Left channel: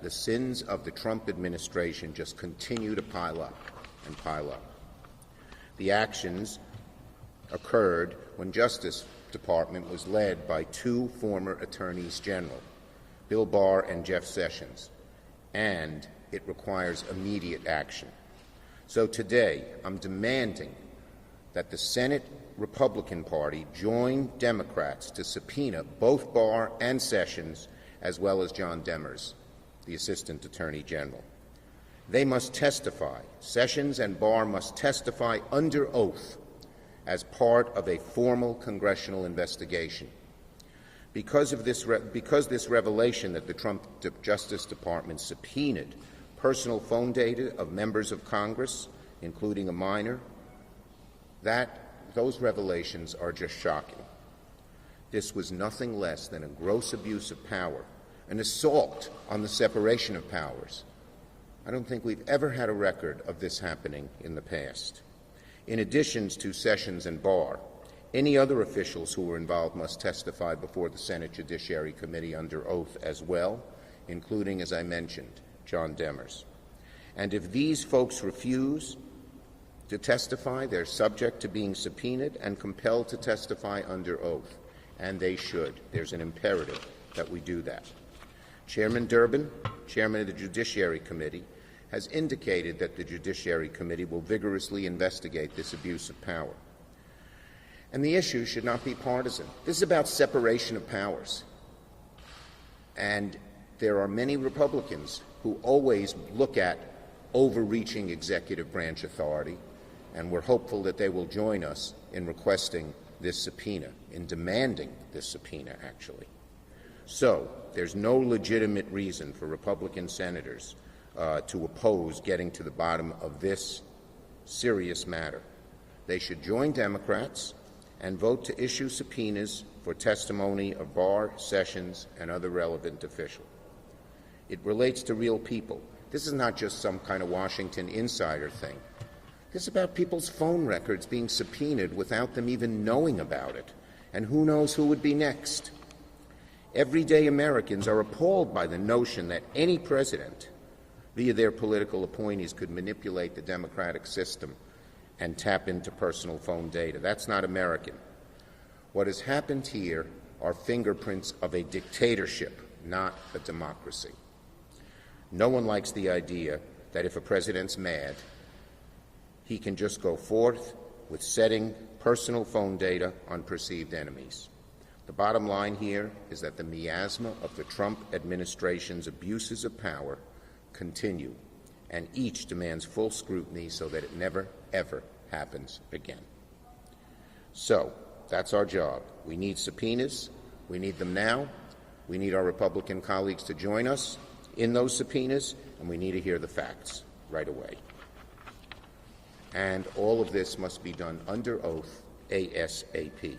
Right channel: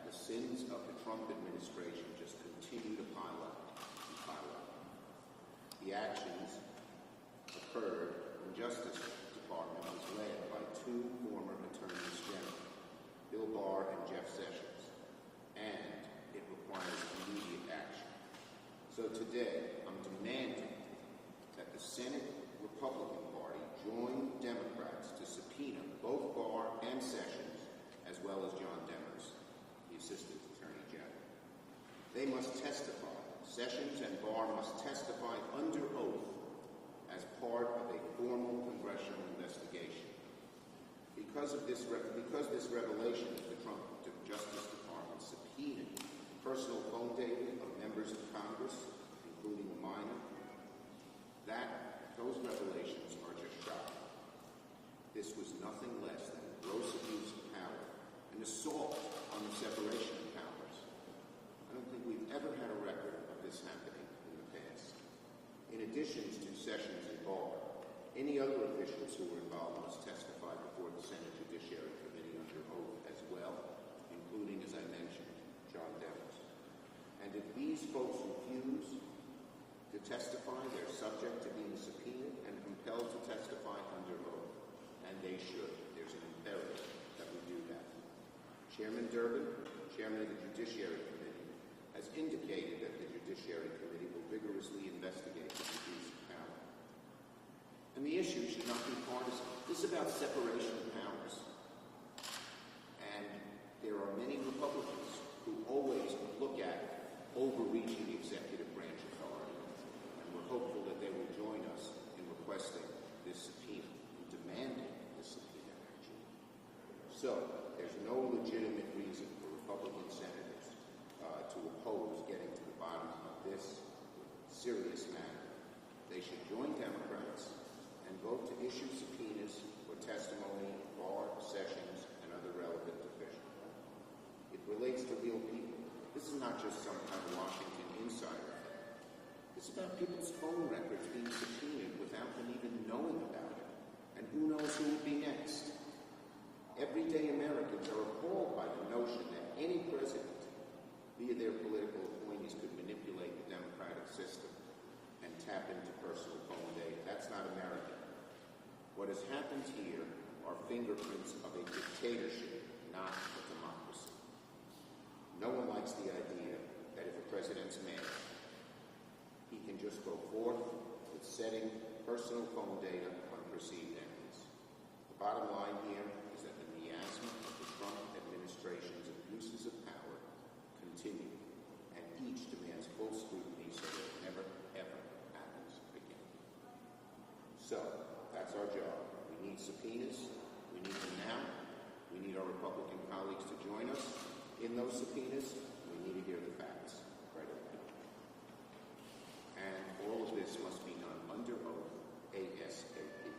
that the sins of the Trump administration just continue to pile up and pile up. The actions occurred when Justice Department was led by two former attorneys general, Bill Barr and Jeff Sessions, and it requires immediate action. So today, I'm demanding that the Senate Republican Party join Democrats to subpoena both Barr and Sessions, as well as John Demers, the Assistant Attorney General. They must testify. Sessions and Barr must testify under oath as part of a formal congressional investigation. Because this revelation that the Trump Justice Department subpoenaed personal phone data of members of Congress, including a minor, those revelations are just shocking. This was nothing less than a gross abuse of power, an assault on the separation of powers. I don't think we've ever had a record of this happening in the past. In addition to Sessions and Barr, any other officials who were involved must testify before the Senate Judiciary Committee under oath as well, including, as I mentioned, John Demers. And if these folks refuse to testify, they're subject to being subpoenaed and compelled to testify under oath, and they should. There's an imperative that we do that. Chairman Durbin, Chairman of the Judiciary Committee, has indicated that the Judiciary Committee will vigorously investigate this abuse of power. And the issue should not be partisan. This is about separation of powers. And there are many Republicans who always look at overreaching executive branch authority, and we're hopeful that they will join us in requesting this subpoena, in demanding this subpoena, actually. So there's no legitimate reason for Republican senators to oppose getting to the bottom of this serious matter. They should join Democrats and vote to issue subpoenas for testimony of Barr, Sessions, and other relevant officials. It relates to real people. This is not just some kind of Washington insider thing. This is about people's phone records being subpoenaed without them even knowing about it. And who knows who would be next? Everyday Americans are appalled by the notion that any president, via their political appointees, could manipulate the democratic system and tap into personal phone data. That's not American. What has happened here are fingerprints of a dictatorship, not a democracy. No one likes the idea that if a president's mad, he can just go forth with setting personal phone data on perceived enemies. The bottom line here is that the miasma of the Trump administration's abuses of power continue, and each demands full scrutiny so that it never, ever happens again. So that's our job. We need subpoenas. We need them now. We need our Republican colleagues to join us in those subpoenas, and we need to hear the facts right away. And all of this must be done under oath ASAP.